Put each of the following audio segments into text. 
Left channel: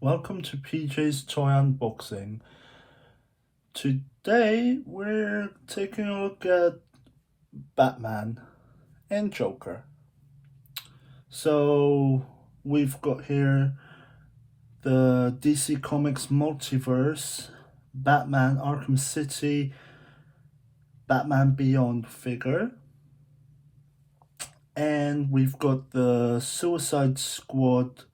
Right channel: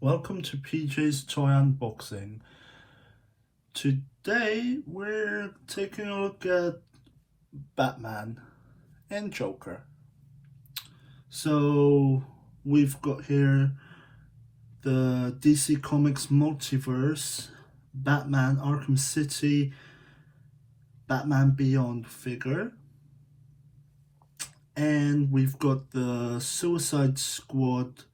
Welcome to PJ's Toy Unboxing. Today we're taking a look at Batman and Joker. So we've got here the DC Comics Multiverse, Batman Arkham City, Batman Beyond figure. And we've got the Suicide Squad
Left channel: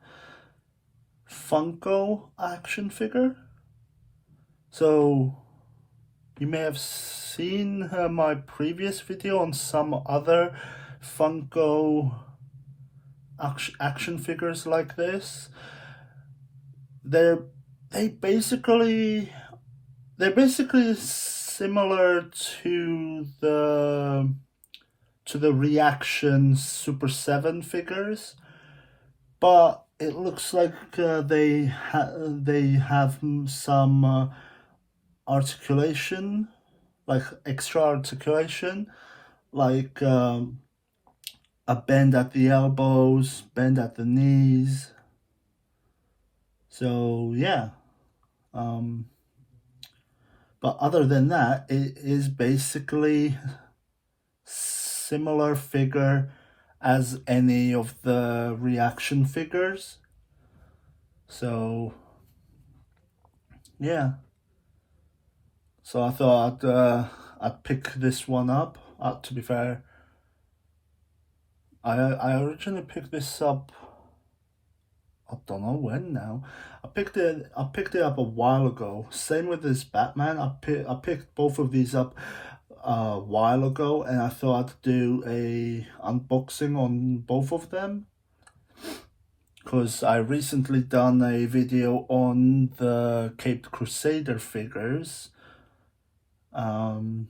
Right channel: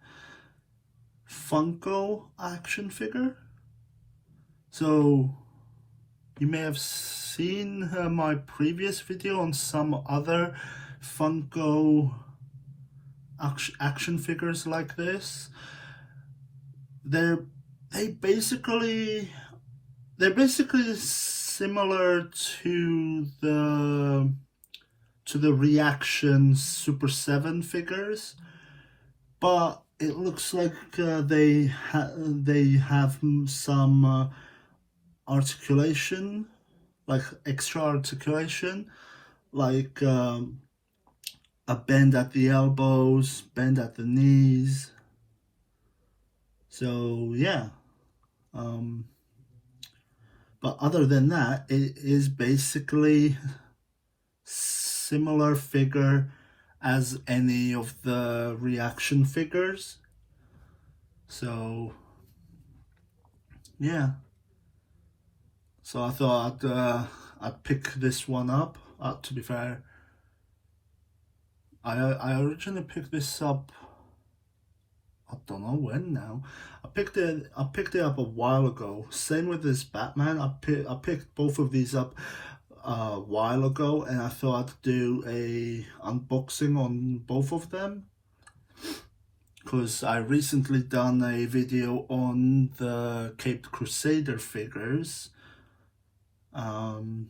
Funko action figure. So you may have seen my previous video on some other Funko action figures like this. They're basically similar to the Reaction Super 7 figures, but it looks like they have some articulation, like extra articulation, like a bend at the elbows, bend at the knees. So yeah, but other than that, it is basically similar figure as any of the Reaction figures. So yeah, so I thought I'd pick this one up. To be fair, I originally picked this up. I don't know when now. I picked it up a while ago. Same with this Batman. I picked both of these up a while ago, and I thought I'd do a unboxing on both of them because I recently done a video on the Caped Crusader figures. And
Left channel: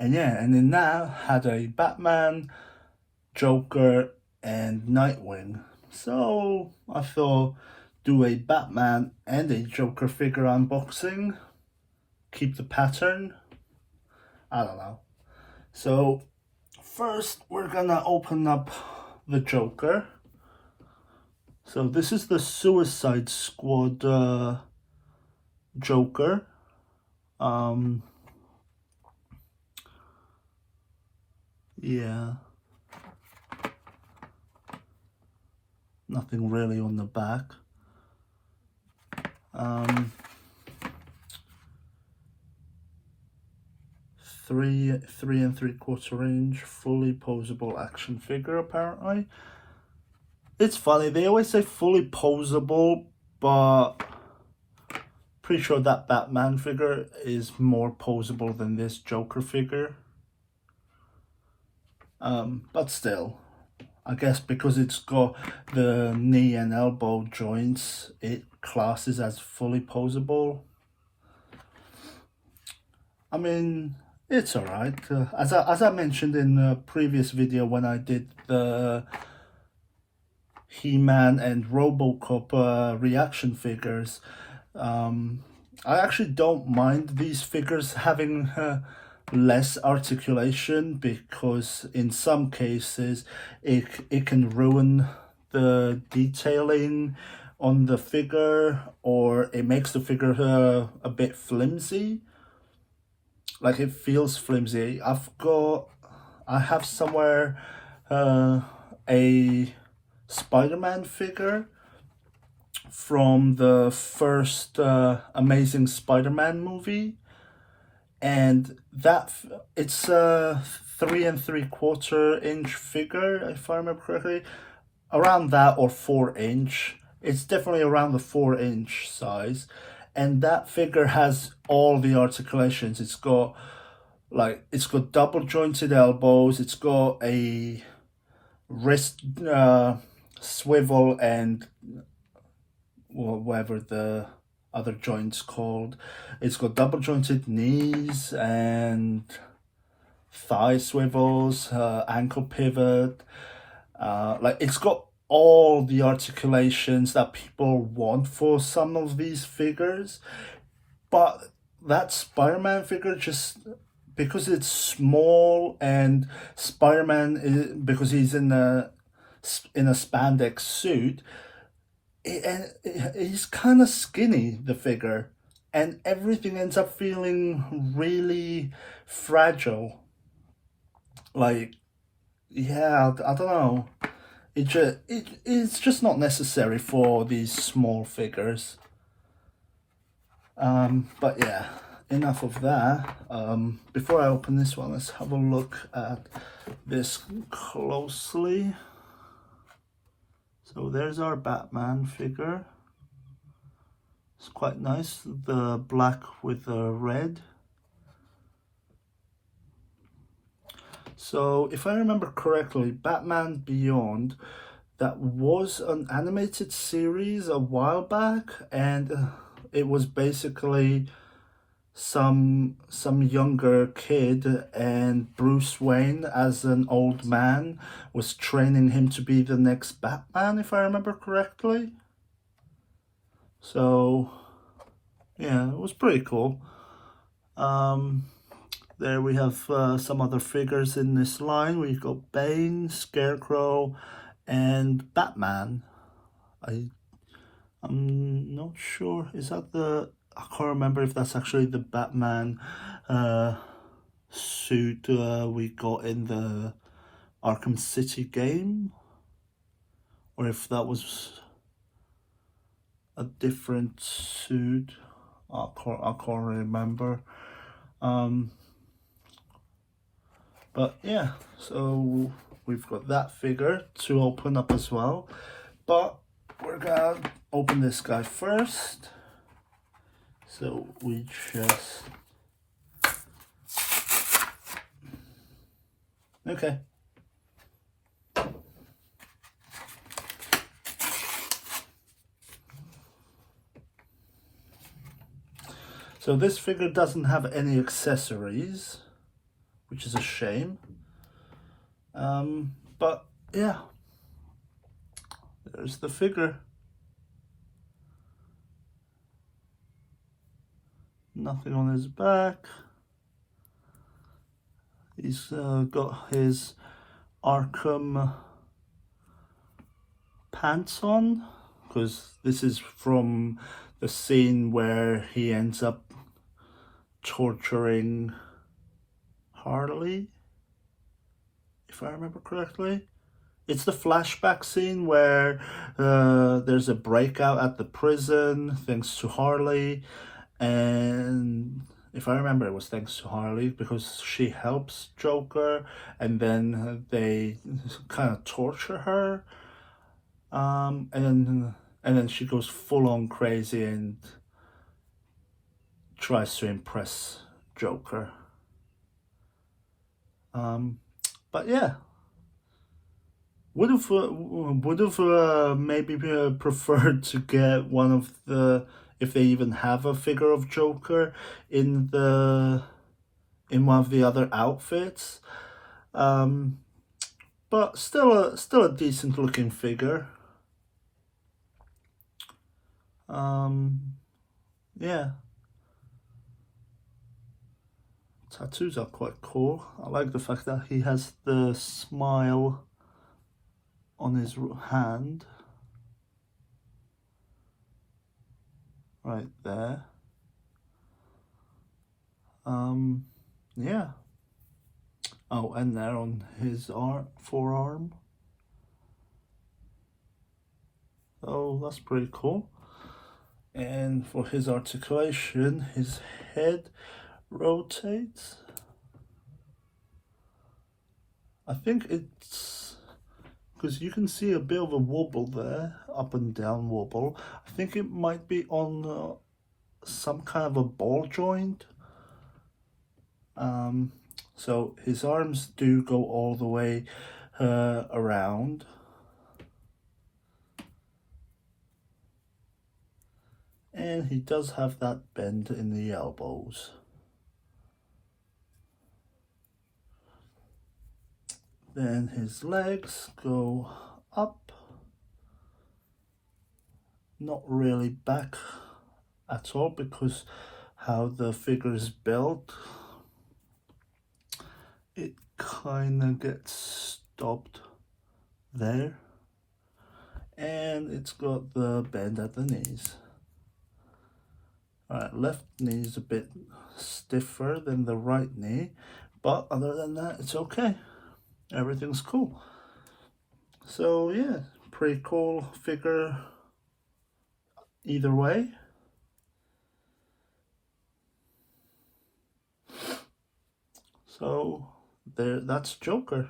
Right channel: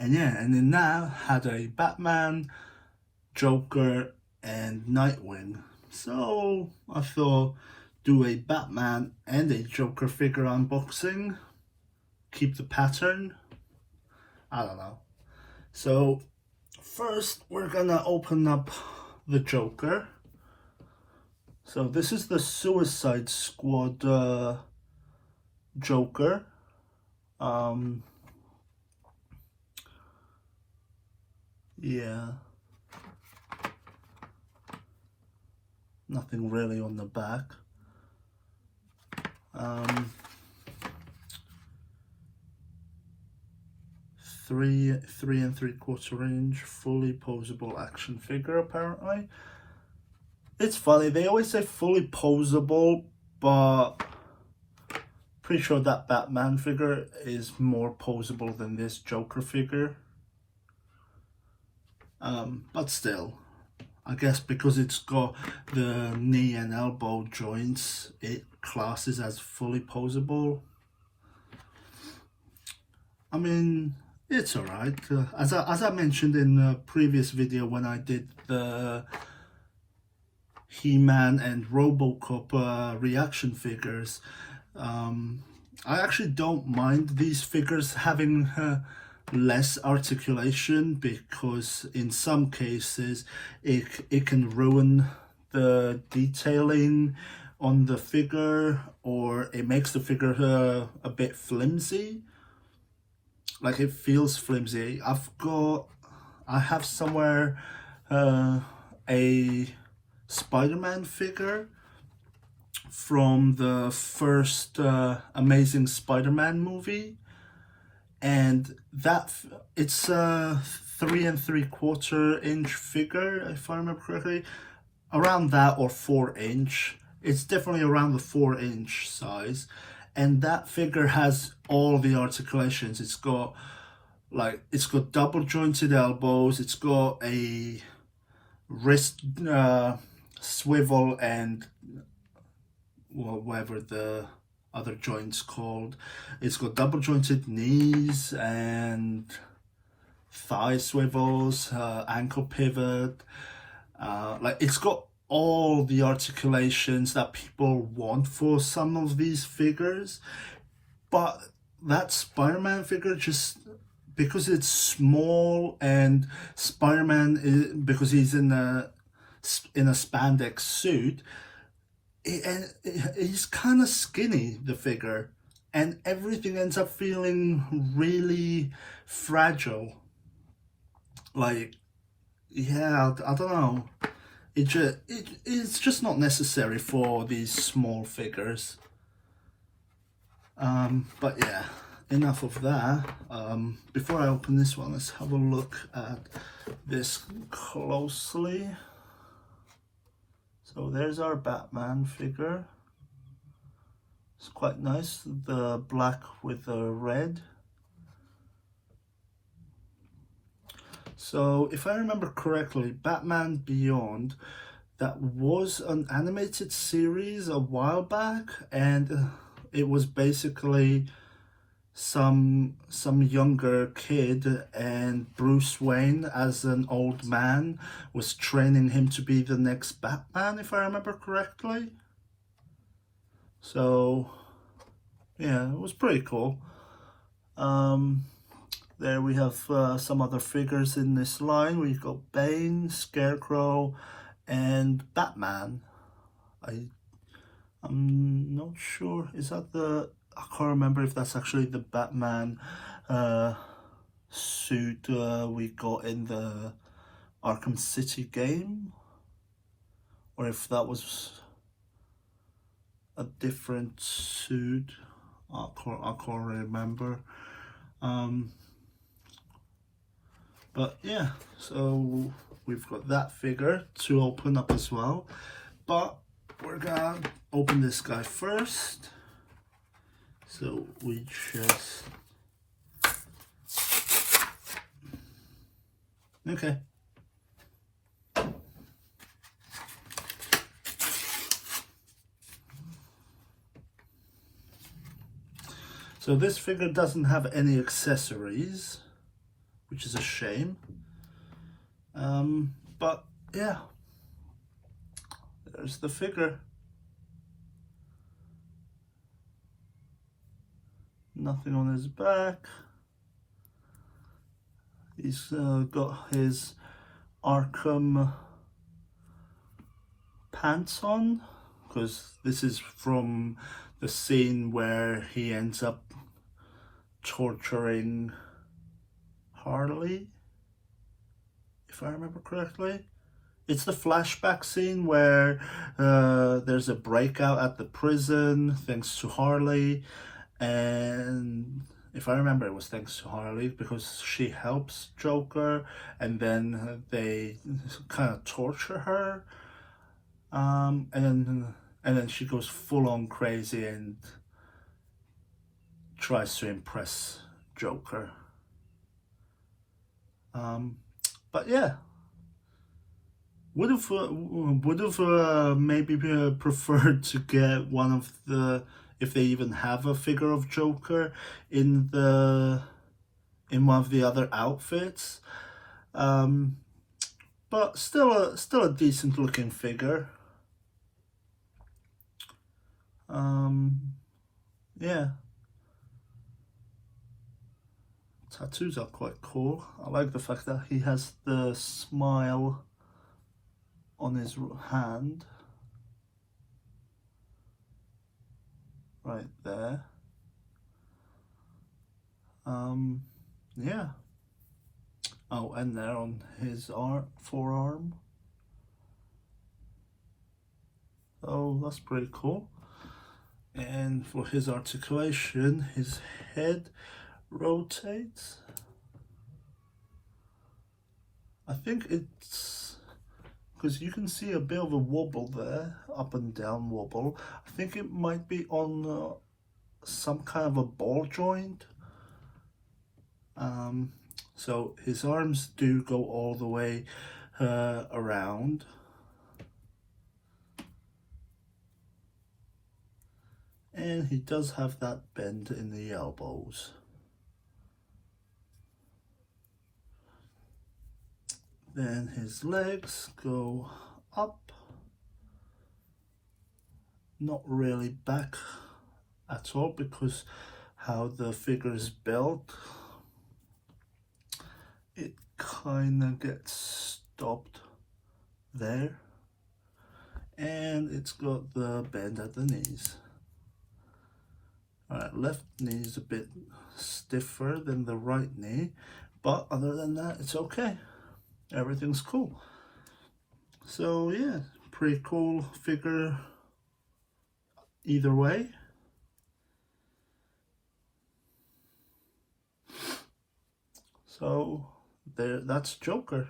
yeah, and in that had a Batman, Joker, and Nightwing. So I thought do a Batman and a Joker figure unboxing, keep the pattern. I don't know. So first we're gonna open up the Joker. So this is the Suicide Squad Joker. Yeah, nothing really on the back. 3 3/3 inch fully posable action figure apparently. It's funny, they always say fully posable, but pretty sure that Batman figure is more posable than this Joker figure. But still, I guess because it's got the knee and elbow joints, it classes as fully posable. I mean, it's alright. As I mentioned in the previous video when I did the He-Man and Robocop reaction figures, I actually don't mind these figures having less articulation, because in some cases it can ruin the detailing on the figure, or it makes the figure a bit flimsy. Like, it feels flimsy. I have somewhere a Spider-Man figure from the first Amazing Spider-Man movie, and it's a 3 3/4 inch figure, if I remember correctly, around that, or 4 inch. It's definitely around the 4 inch size, and that figure has all the articulations. It's got double jointed elbows. It's got a wrist swivel, and whatever the other joints called. It's got double jointed knees and thigh swivels, ankle pivot. It's got all the articulations that people want for some of these figures. But that Spider-Man figure, just because it's small, and Spider-Man, because he's in a spandex suit, he's kind of skinny, the figure, and everything ends up feeling really fragile. Like, yeah, I don't know. It's just not necessary for these small figures. But yeah, enough of that. Before I open this one, let's have a look at this closely. So there's our Batman figure. It's quite nice, the black with the red. So if I remember correctly, Batman Beyond, that was an animated series a while back, and it was basically some younger kid, and Bruce Wayne as an old man was training him to be the next Batman, if I remember correctly. So yeah, it was pretty cool. There we have some other figures in this line. We've got Bane, Scarecrow, and Batman. I'm not sure. Is that the? I can't remember if that's actually the Batman suit we got in the Arkham City game, or if that was a different suit. I can't remember. But yeah, so we've got that figure to open up as well. But we're gonna open this guy first. So we just... Okay. So this figure doesn't have any accessories, which is a shame. But yeah, there's the figure. Nothing on his back. He's got his Arkham pants on, because this is from the scene where he ends up torturing Harley, if I remember correctly. It's the flashback scene where there's a breakout at the prison thanks to Harley, and if I remember, it was thanks to Harley because she helps Joker, and then they kind of torture her, and then she goes full on crazy and tries to impress Joker. But yeah, would have maybe preferred to get one of the, if they even have a figure of Joker in one of the other outfits. But still a decent looking figure. Yeah. Tattoos are quite cool. I like the fact that he has the smile on his hand. Right there. Yeah. Oh, and there on his forearm. Oh, that's pretty cool. And for his articulation, his head rotates. I think it's because you can see a bit of a wobble there, up and down wobble. I think it might be on some kind of a ball joint. So his arms do go all the way around. And he does have that bend in the elbows. Then his legs go up, not really back at all because how the figure is built, it kind of gets stopped there. and it's got the bend at the knees. Alright, left knee is a bit stiffer than the right knee, but other than that, it's okay. Everything's cool. So yeah, pretty cool figure either way. So there, that's Joker.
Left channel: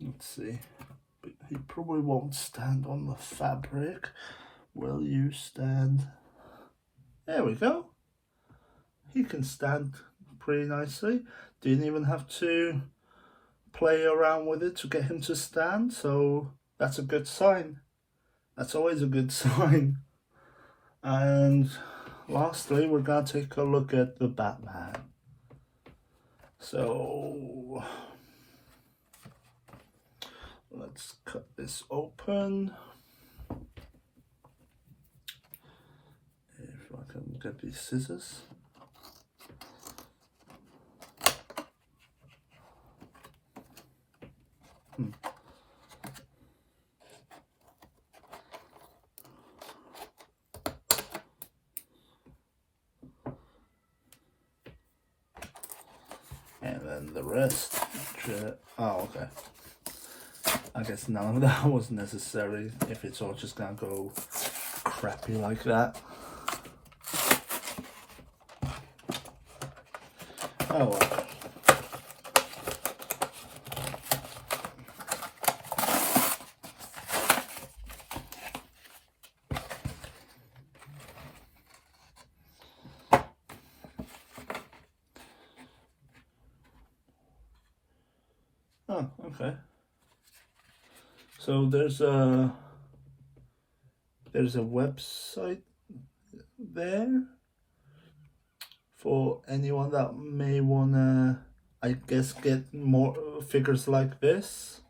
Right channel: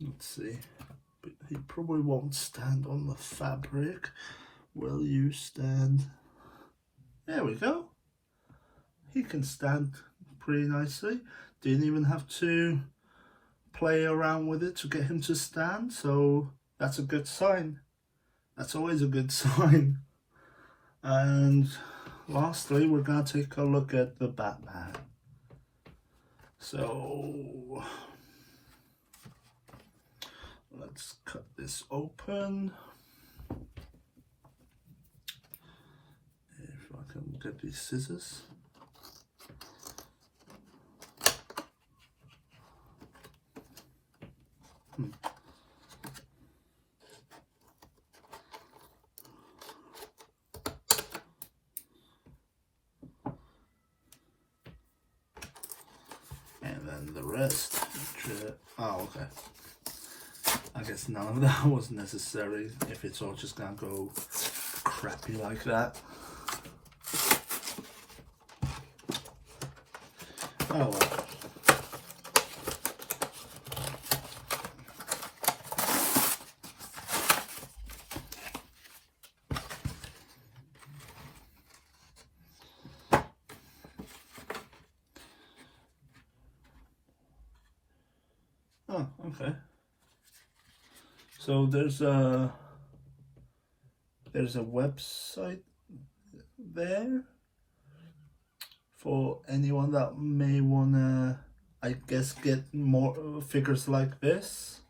Let's see. He probably won't stand on the fabric. Will you stand? There we go. He can stand pretty nicely. Didn't even have to play around with it to get him to stand, so that's a good sign. That's always a good sign. And lastly, we're gonna take a look at the Batman. So let's cut this open. If I can get these scissors. And then the rest. Oh, okay. I guess none of that was necessary if it's all just gonna go crappy like that. Oh well. Oh, okay. So there's a website there for anyone that may wanna, I guess, get more figures like this.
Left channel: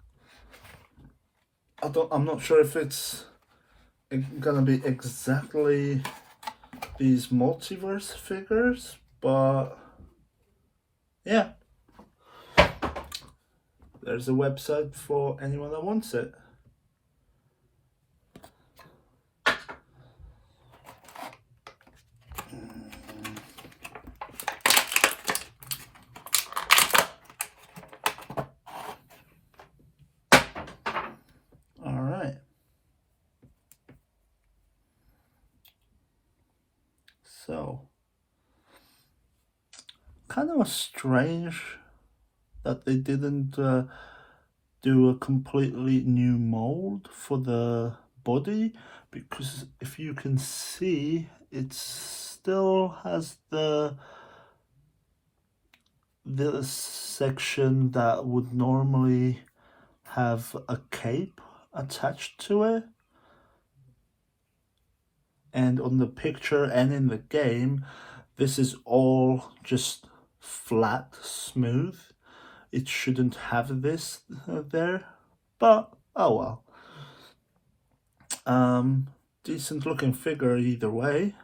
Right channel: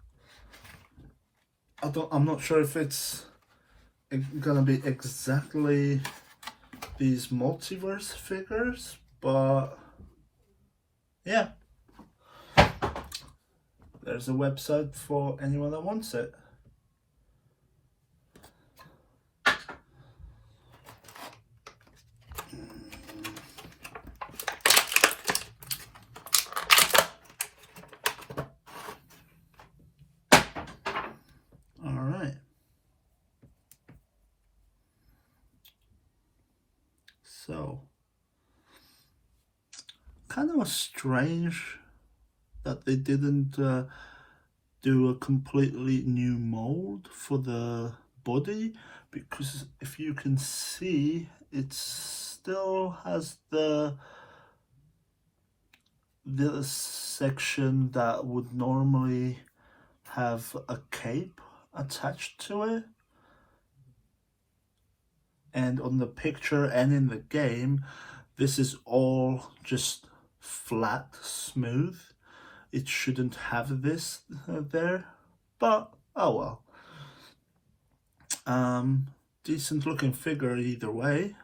I'm not sure if it's gonna be exactly these multiverse figures, but yeah. There's a website for anyone that wants it. All right. So, kind of strange that they didn't do a completely new mold for the body, because if you can see, it still has this section that would normally have a cape attached to it, and on the picture and in the game this is all just flat, smooth. It shouldn't have this there, but oh well. Decent looking figure either way.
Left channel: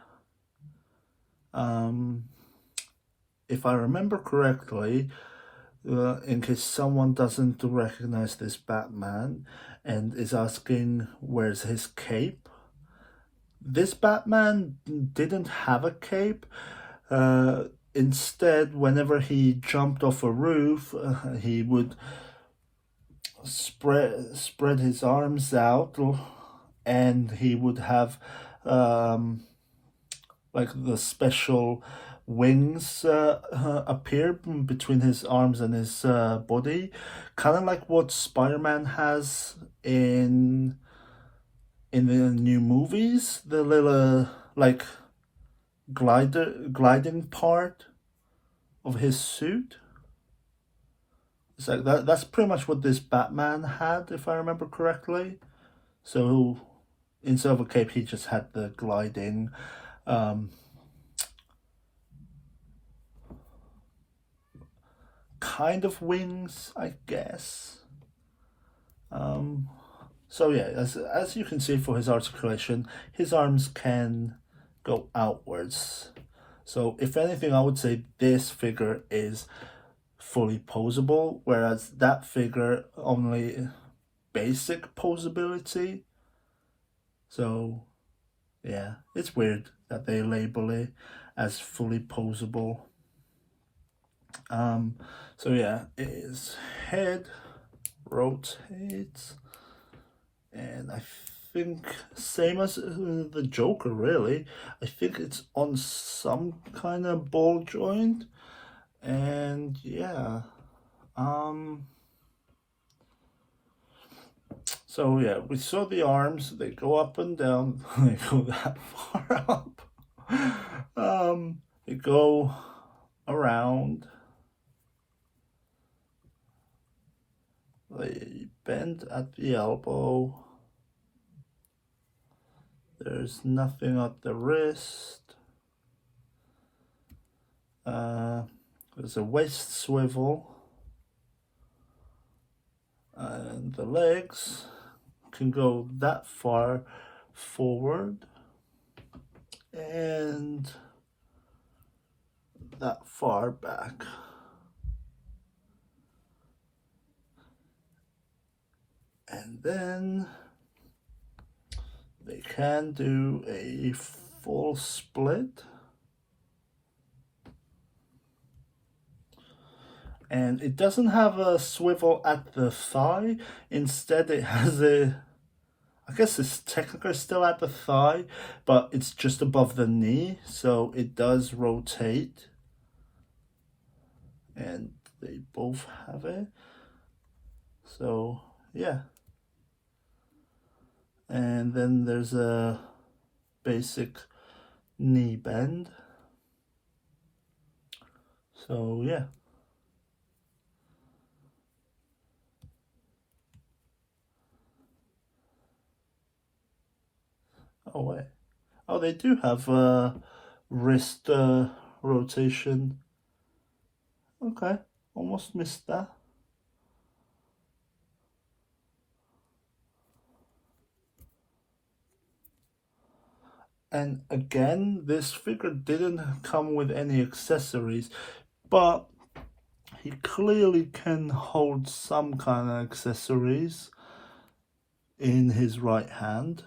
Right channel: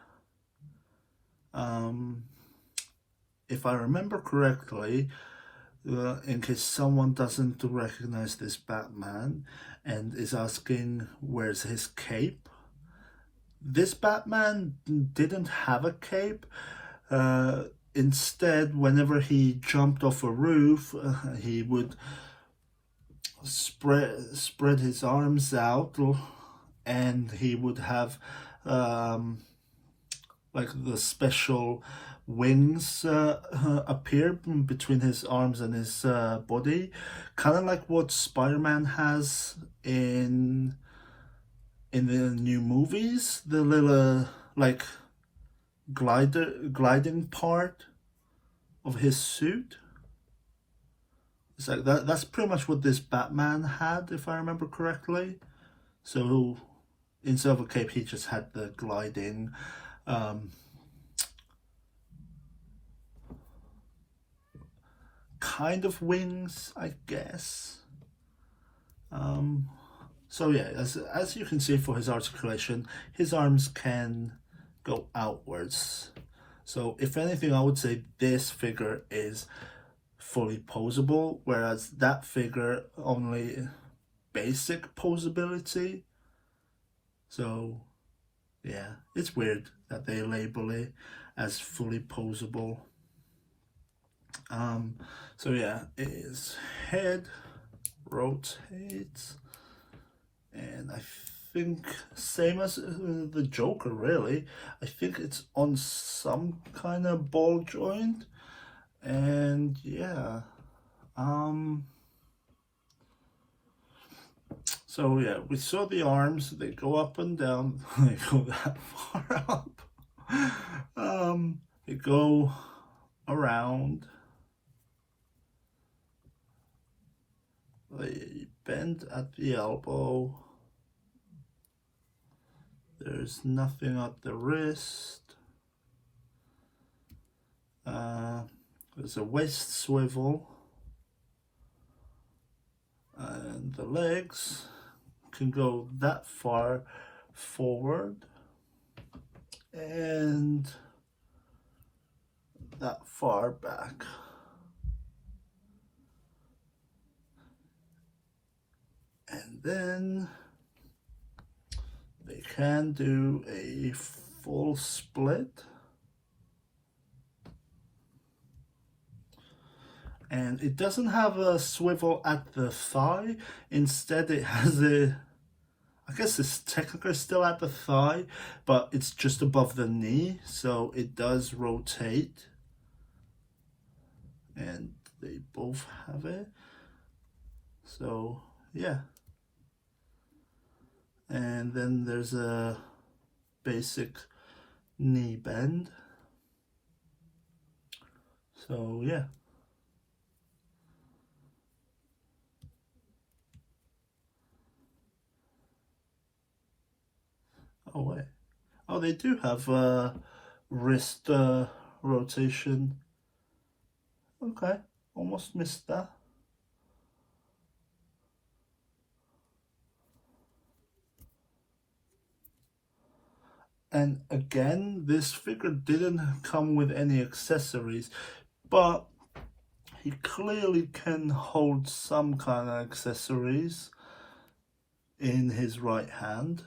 If I remember correctly, in case someone doesn't recognize this Batman and is asking where's his cape, this Batman didn't have a cape. Instead, whenever he jumped off a roof, he would spread his arms out, and he would have like the special wings appear between his arms and his body, kind of like what Spider-Man has in the new movies, the little like gliding part of his suit. It's like that's pretty much what this Batman had, if I remember correctly. So instead of a cape, he just had the gliding kind of wings, I guess. So yeah, as you can see, for his articulation, his arms can go outwards. So if anything, I would say this figure is fully posable, whereas that figure only basic posability. So yeah, it's weird that they label it as fully posable. So yeah, his head rotates, and I think same as the Joker, really. I think it's on some kind of ball joint, and yeah. So yeah, we saw the arms. They go up and down. They go that far up. They go around. They bend at the elbow. There's nothing at the wrist. There's a waist swivel. And the legs can go that far forward and that far back. And then they can do a full split. And it doesn't have a swivel at the thigh. Instead, it has I guess it's technically still at the thigh, but it's just above the knee, so it does rotate. And they both have it. So, yeah. And then there's a basic knee bend. So, yeah. Oh wait. Oh, they do have wrist rotation. Okay, almost missed that. And again, this figure didn't come with any accessories, but he clearly can hold some kind of accessories in his right hand.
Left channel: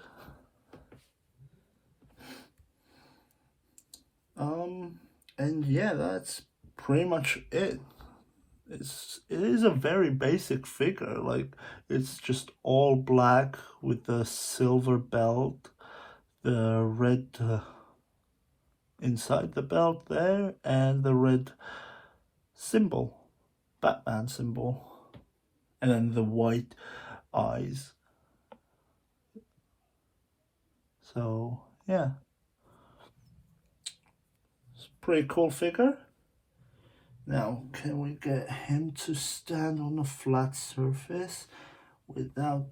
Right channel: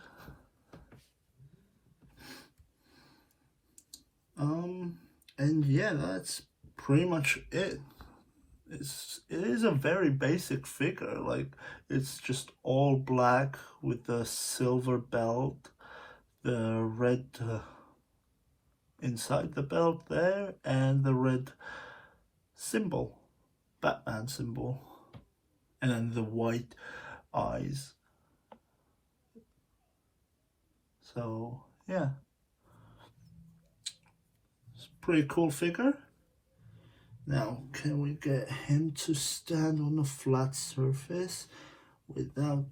And yeah, that's pretty much it. It is a very basic figure. Like, it's just all black with the silver belt, the red inside the belt there, and the red symbol, Batman symbol, and then the white eyes. So yeah, it's a pretty cool figure. Now, can we get him to stand on a flat surface without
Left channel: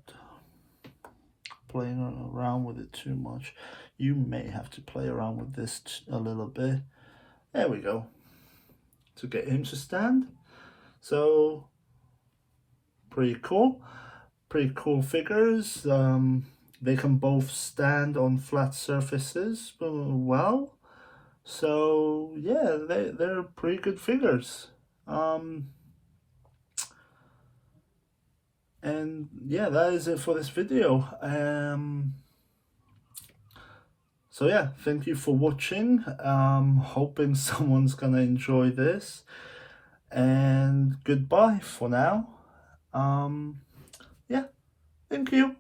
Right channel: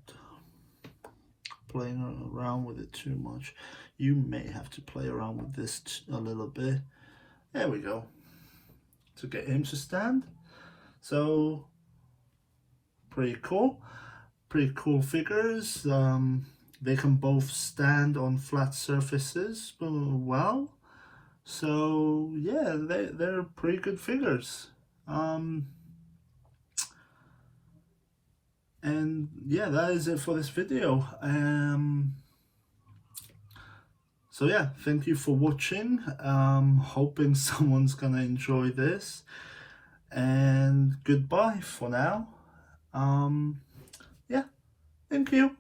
playing around with it too much? You may have to play around with this a little bit. There we go. To get him to stand. So, pretty cool. Pretty cool figures. They can both stand on flat surfaces well. So yeah, they're pretty good figures. And yeah, that is it for this video. So yeah, thank you for watching. Hoping someone's gonna enjoy this. And goodbye for now. Yeah, thank you.